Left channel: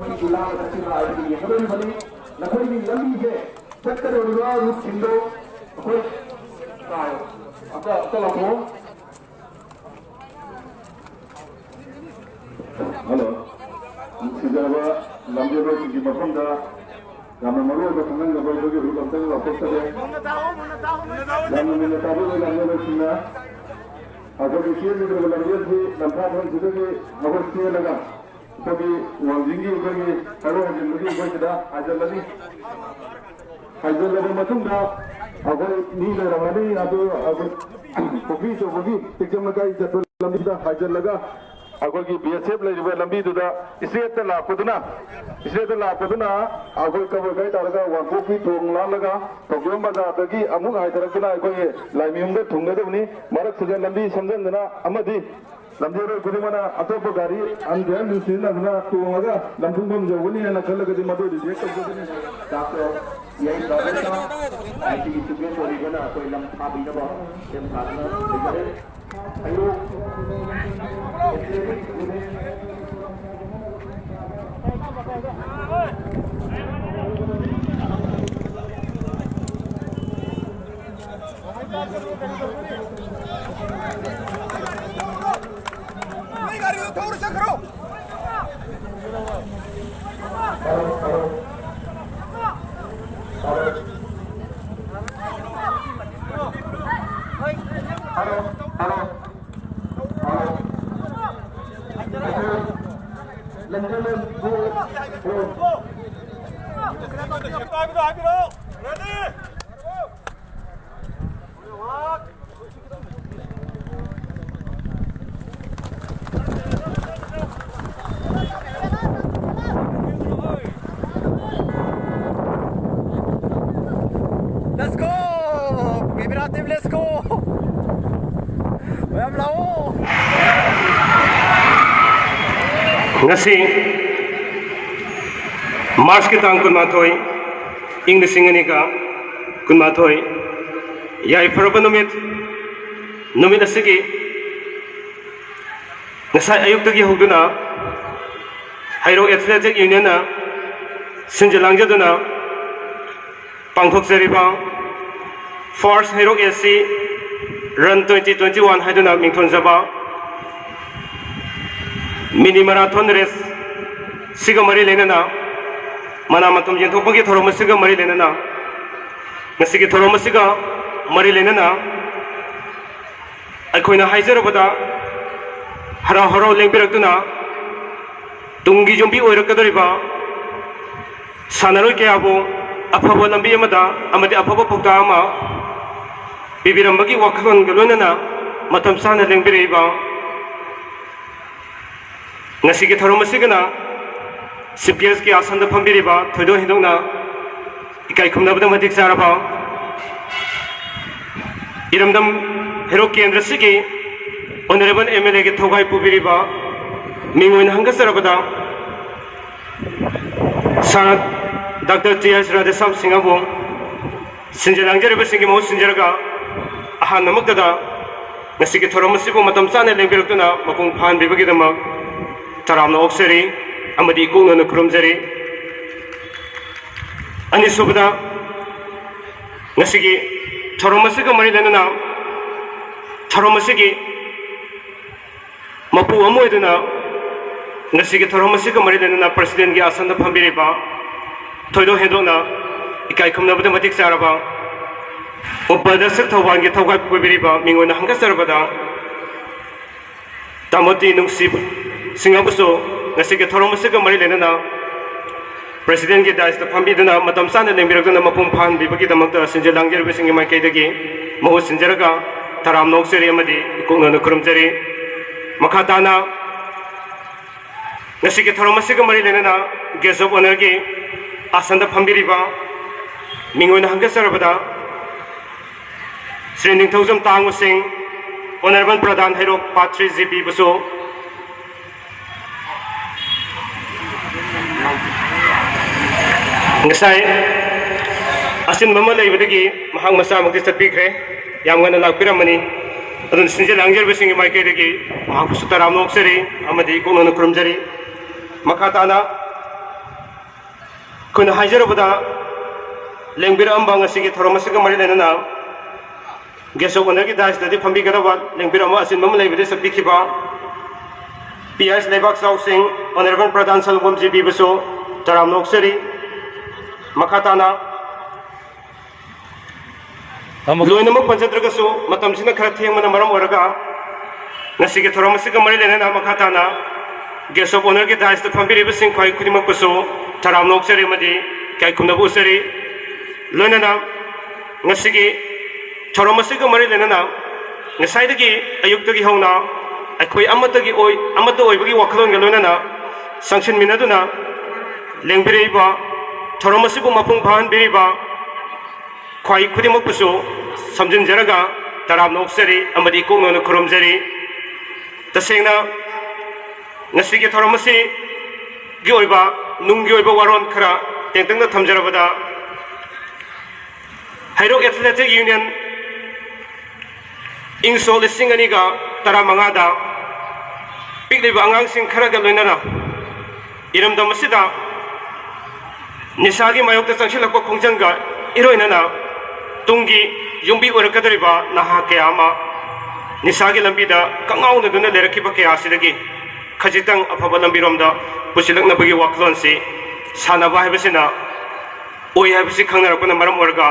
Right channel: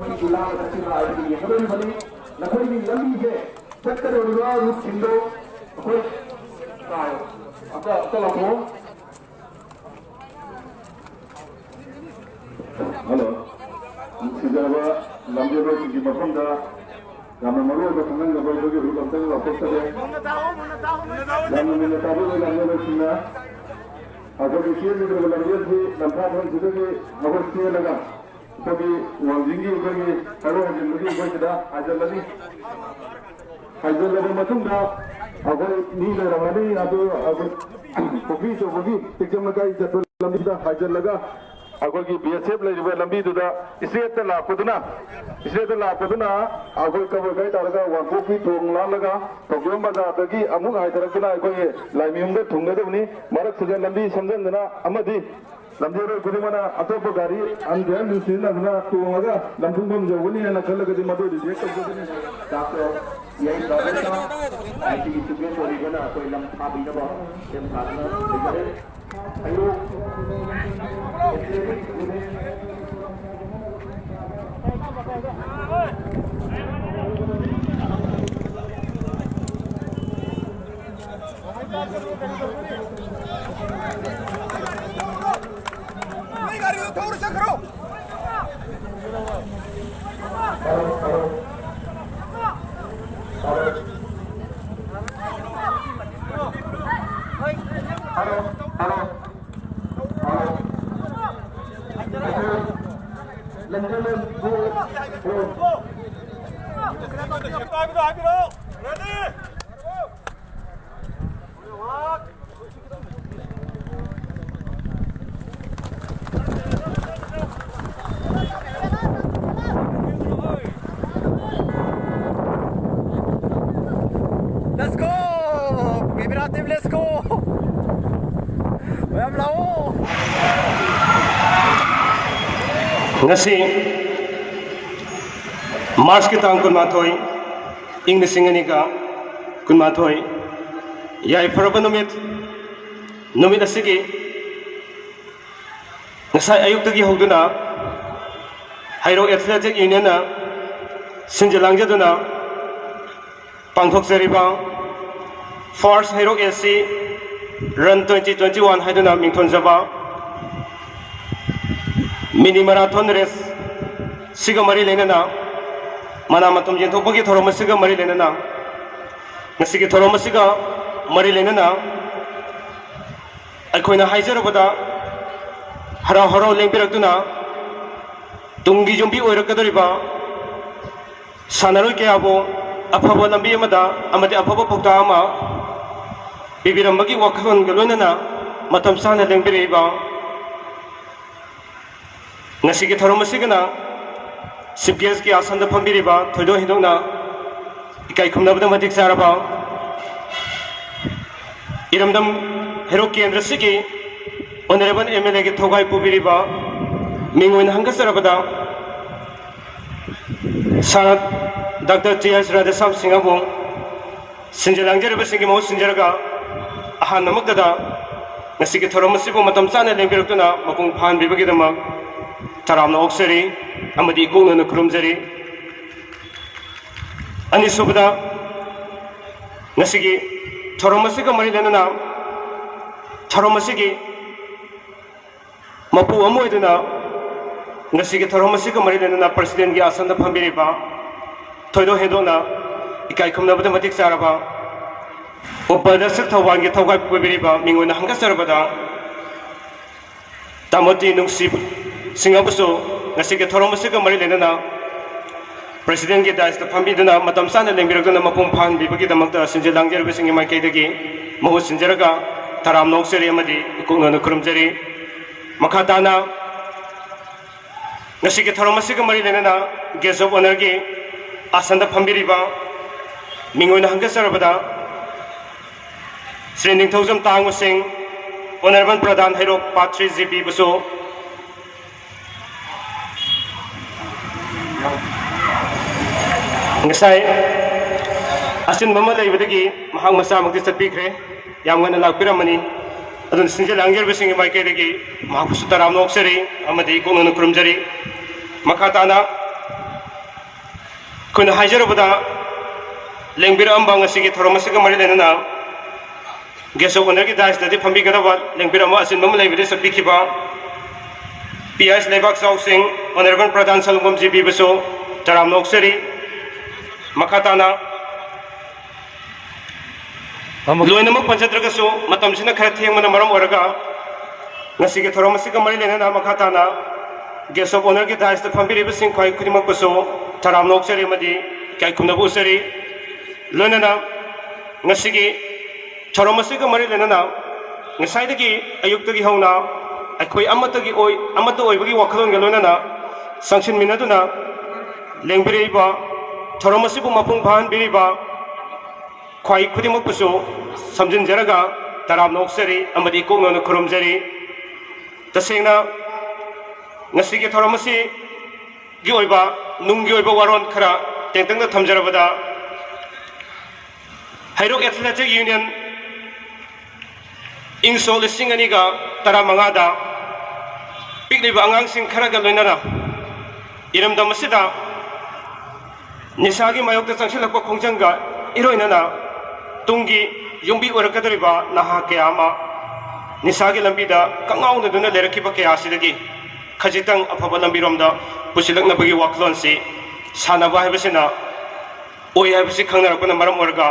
जिला बनी नखोई लंबी है चक्कर रूप सिंधो हेलो सिजब लंबी की मफम मरो खंगनबी रूप लौटते अभी चेंद्र लंबी लंफा मगर चेलगा वांजिंगी हरो हजल हाजलनी हाजल कोफी चौबी टेक्चम चल हाजल अखोगी BSF लंबी स्ट्रेट लापदना अखोई कबर कई तरह वाकोफी थोंग लालगा तोक्योम बाजार अमुक हाइदरकना अखोई लाइमियुम थुंगदबनी मरक सजे लंबी समझना लंबी खुदमना अतोप गाड़ी अंधेर नुसीना तोंगा लंफुंगम जौगनी है खलगदी मदो रिजेक्ट तौगदनी डॉक्टर यही दौरेता आईटी स्टूडेंट ओरिगना कोई लंफा बिनबा एम साधना लेजरे अयो थोड़ा सा करो Let's go! Vibrativ, let's go! Vem lao! ngasi March ki tang kun mathoi ing singani ka kun mathoi yai faraba numit asigi ngasai ayuk tagi hoduna Hairo Athletic Union na sinjalangjaduna pangthok seriba First Hairo SC Run 2021 haiduna mingthonjaba mini marathon race siga mari lenana mana matum jentopagi thoroma siga mari lenana ngasigi thoroma siga mari lenana aikoina haijarabada hara haro lengbirakduna tungi jombi oirakadoriba sanaroi kayabo afaba lambi amada amadi afaba pokta ama bibirambagi wakhon galonana matam sana lengbireba ngasigi thorom asigana CPS ki asanda phambiriba thoido hidona ikai khumnabada madik saraba iramdam hero kendra sigi honorable MLA ki thogai pubiriba mingoin hanga sarabada sanat Dr. T.S. Radhesam Singabu sinjalangjariba singi mau sinjaraga ahan namakdada ngasigi thorom asibu matam sana lengbirakuna mapung phan bibagidama taramna okseri amadi ikungna kurumjari ani subda ngasigi thoromasiga mari lenana thoromasigi mapu amoiduna ngasigi thoromasiga mari lenana president gi asanda phambiriba thoido hedona ikai khumnabada matik saraba upadarsak thawang gi thawgai pubiriba mingona hangasarabada tamoti nungsib Singabuso ngasige thoromasiga mari lenana president ki dais ta phambiduna matam sana lengbirakuna mapum phan bibagi damakta sinjalangjariba singi maikaidagi mahu sinjaraga taram nokseri amadi ikungna kurumjari makhatana ngasige thoromasiga mari lenana guest of honor gi asanda phambiriba mingoina hangasarabada Sri Ningthaujam Tangu Singh Honorable Pradhan Hairo Patri GP Buso ngasai asin mama leibadagi mahang masa mukti satpikre yamgana lakpiramani adun sinjalangjariba singi maikaidagi mahapusu taram nokseri amadi ikungna kurumjari makhatana kuna hajarabada lengbira amba ngasigi thoromasiga mari lenana geso onergi dais dadi phambi gadaba lengbira ma asin mam leibri sabbi khiba PS lebak saw sing honorable pradhan salgom ji bibaso taram noksari makhatana loinamak panchadragaso matamsina khara thengmana maram oraga ngasigi thoromasiga mari lenana makhatana geso onergi dais da phambi ribasing khoi khudimak paso taram noksari madi kai khumnabu usari loinana ngasigi thoromasiga mari lenana ngasaidagi ayuktagi hona अखोई अमतगी ओय अमत ओयबगी वखलोन गलोनना suction मिनादुना लेंबिरेबा थोरमसिबु मफुंग फान बिरिबा ख्वाई खुदिमपुसु समजिनजरगा तराम नोक्सरी अमदी कोंगन खुरुमजरी तसेंगना नसिगे थोरमसि गी ओयबा नुंगी ओयबा वारोन खरा तेंतंग थमजरबदा हाइरो athletic union इंसो लिसिंग अनिगा तरा मंगादा पिकलिबा आंगांसिंग खरागा लोइनाना इरमदमसिदा निसागी मायोक्ता चंगसिलकपा खोंजंगा इरोइनाना तुंगी युंबी ओरकदरिबा नहा कयामा निसागी लंबीदा कंगाउनदुना लेरकिबा कयासिदगी खजितंग अफबा लंबीरोमदा पुसिलकनबगी वाखलोनसि सानाबा हाइबसिना ओय हाइबसि खंगनारपना मरम ओरगा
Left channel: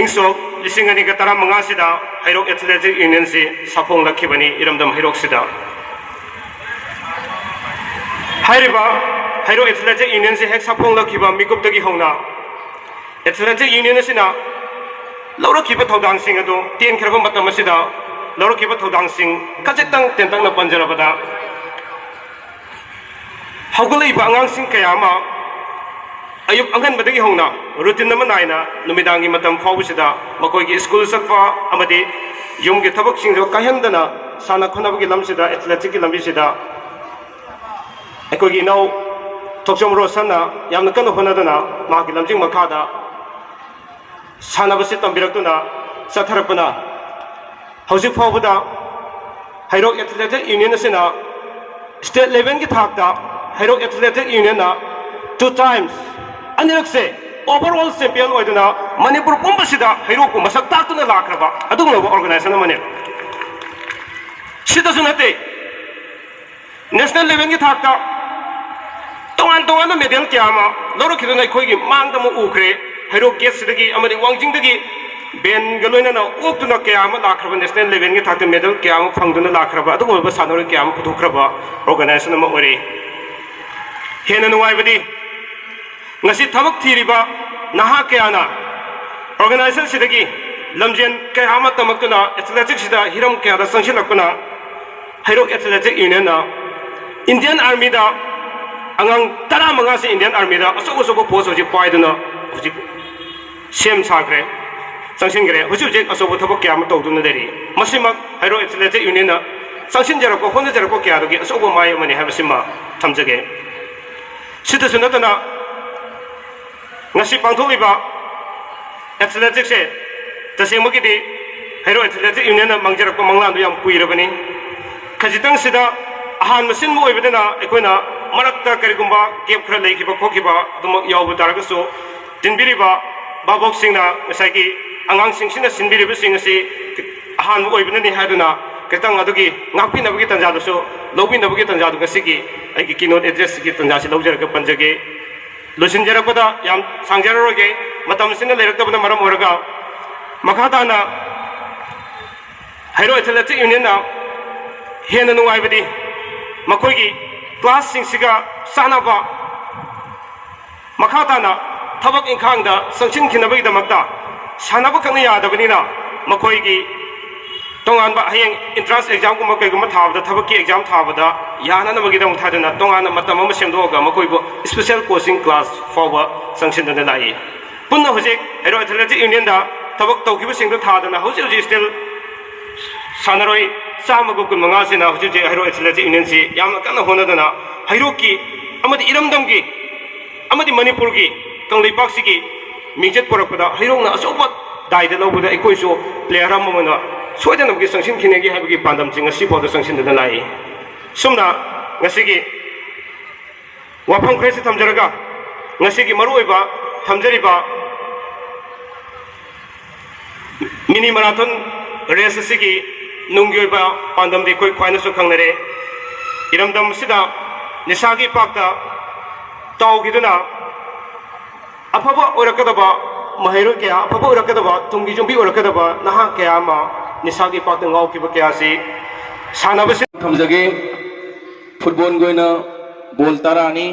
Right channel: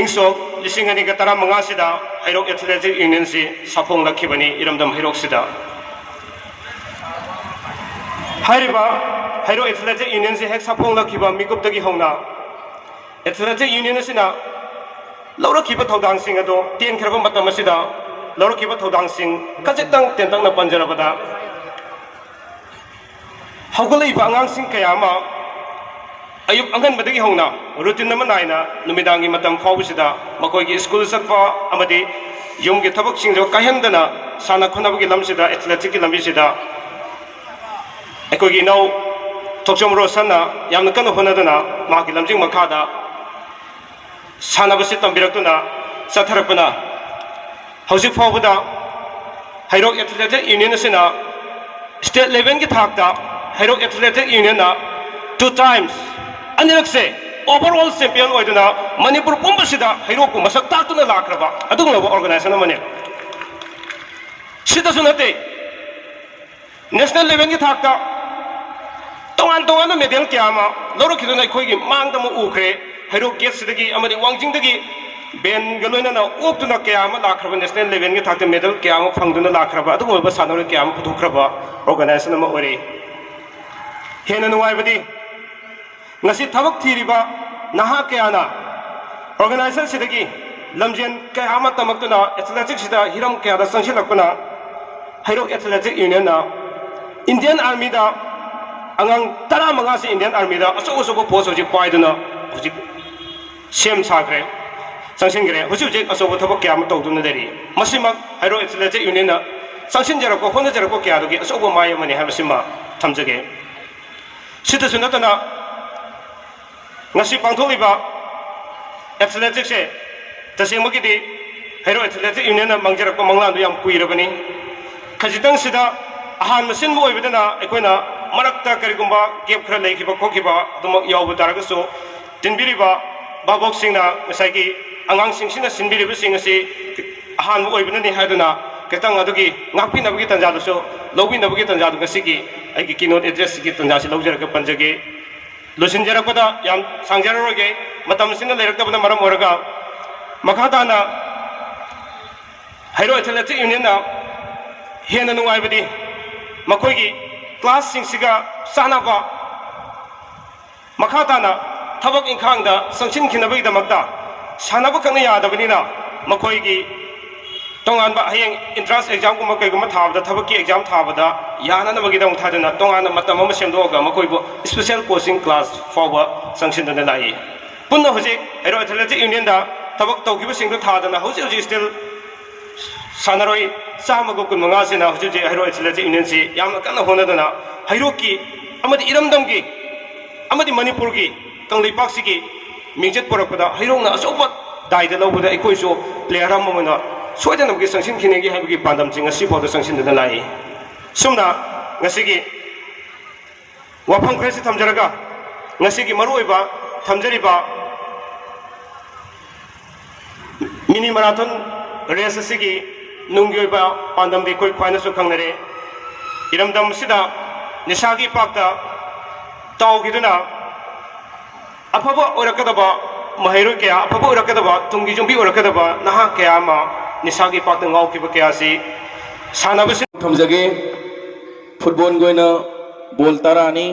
इंसो लिसिंग अनिगा तरा मंगासिदा हाइरोक एथलेटिक यूनियन से साफोंग लखिबनी इरमदम हाइरोक सिदा हाइरिबा हाइरो एथलेटिक यूनियन से हेक साफोंग लखिबा मिकुपतगी होना एथलेटिक यूनियन सिना लौरखिबा थौदांग सिंग अदो तेन खरबा मतम सिदा लौरखिबा थौदांग सिंग खजितंग तेंतंग न पंजरबदा हौगलैबा अंगांग सिंग कयामा अयुब अंगन बदगी होना रूटीन नम नायना नुमिदांगी मतम फावसिदा मकोइगी स्कूल सकफा अमदि युमगी थबक सिंजो काहेंदना साना खुनाबगी लमसिदा एथलेटिक की लंबिसिदा अकोइगी नौ थोक्सम रोसना यामन कन होनदना मागी लमजिंग मखादा सानाबसि तंबिरक्तुना चथरपना हौजिक फावबदा हाइरोक एथलेटिक यूनियन सिना स्टेट लेवल की थाकता हाइरोक एथलेटिक यूनियन 2 times अनिरक्से ओवरऑल चैंपियन होइदुना मणिपुर पुंबसिदा हाइरोक मसक तातुना लाखरबा अदुगुलबा ऑर्गेनाइजेशन मने सिदसु नते नेशनल लेवल की थाकता तोंगान तोंगान मेडल क्यामा लौरखिदुना अखोइगी मांगदम उखरे हाइरोक गेट सिदगी अमदि वांगजिंगदगी बेन गलोइना ओक्तुना क्यामा लाखरबा नेशनल लेवल की थाकता मेडल क्यामा फंगदुना लाखरबा अदुगुलबा सानोर क्यामा पुथोखरबा ऑर्गेनाइजेशन म ओरे हेन नुवाइबदी ngasi thabak thiriba naha kayana organization sidagi lamjen kayama tamaktuna athletics sida hiram kayada sangsilakuna hairo athletic union na Indian army da angang tara manga se Indian army da aso post hoji paiduna hoji sem sagre sangsingre hoji aso thabak kayama tawduna deri masima hairo athletic union na sangsin jarako hona jarako kayadagi aso mai mani habsima thamjage sida sunatana ngasi pangtholiba athletics se tasengmagidi hairo athletic union na mangjarakpa manglandu yam kuirabani khajitang sida ahan masin mo oibadana akoina marakta karigumba gap khara leikiba khokiba adum yawbu taragasu tinbiriba babok singna ngasagi angang singsina sinbiriba singasi ahan mo oibadani haduna kitang adugi ngakpi nabagi tanjadasu lobi nabagi tanjadu ngasigi aigi keynote address gi tanjasi lawjaraka panjage लुसिनजरपदा याम सांगजररोगे मतमसिना लेरक्तबना मरम ओरगा मखादाना हाइरो athletic union ना हेन नुवाइबदी मखोइगी class सिंगसिगा सानाबा मखादाना थबक इंखांगदा Sachin खिनबगी दमकता सानाबा खंग यादबनिना मखोइगी तोंगानबा हयेंग entrance exam गुम कईगुम थाबदा थबकी exam थाबदा याननबगीदम थादना तोंगाना मतम अमा सेमदोगा मखोइबो special coaching class फावबा संसिनदना लाई पुन्ना हुजिक हाइरो athletic union दा थबक तौखिबो सिंगदो थादना हुजिक still सानरोई चामगो कुन मंगा सिना हुजिक हाइरो athletic union से यामना कन्ना होनदना हाइरो की अमदि इरमदमगी अमदि मणिपुर की कंगलेपाकसिगी मिंजत पोरकपदा हाइरोना असोबा दाइदा लौबदा एकोइसो प्लेयर अमना सोयदनबगी संसिन खिनेगी हाइबगी पांदमसिंग असि फावदा संसिनदना लाई Sumana ngasi gi wafang kresi thamjaraga ngasi maruoiba thamjariba mini marathon race asigi nungyoiba pandam di koi khwaina su khangnare iramdam sida nisagi pakta tawgiduna afaba orakadaba mahairu kya afaba orakadaba tungi jumbi orakadaba naha kya ma nisagi pakta ngaukiba kya si sanabasi thamjage football goina ball tarani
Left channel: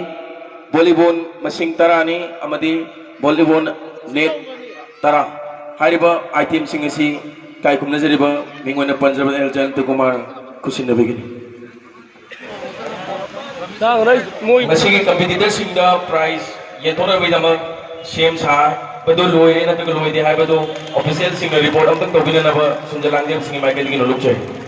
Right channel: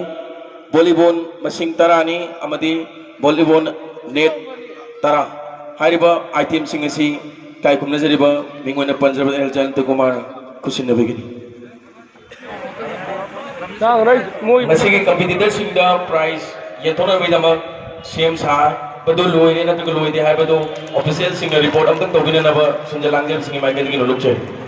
volleyball masing tarani amadi volleyball net tara hariba item sing asi kai kumna jariba mingona Punjab Eljan Kumar kusin begini masigi competitor sing da prize ye thona widama same sa badu loine na to loide ha badu official sing report am tak to bilana ba sunjalang sing mai ke lok che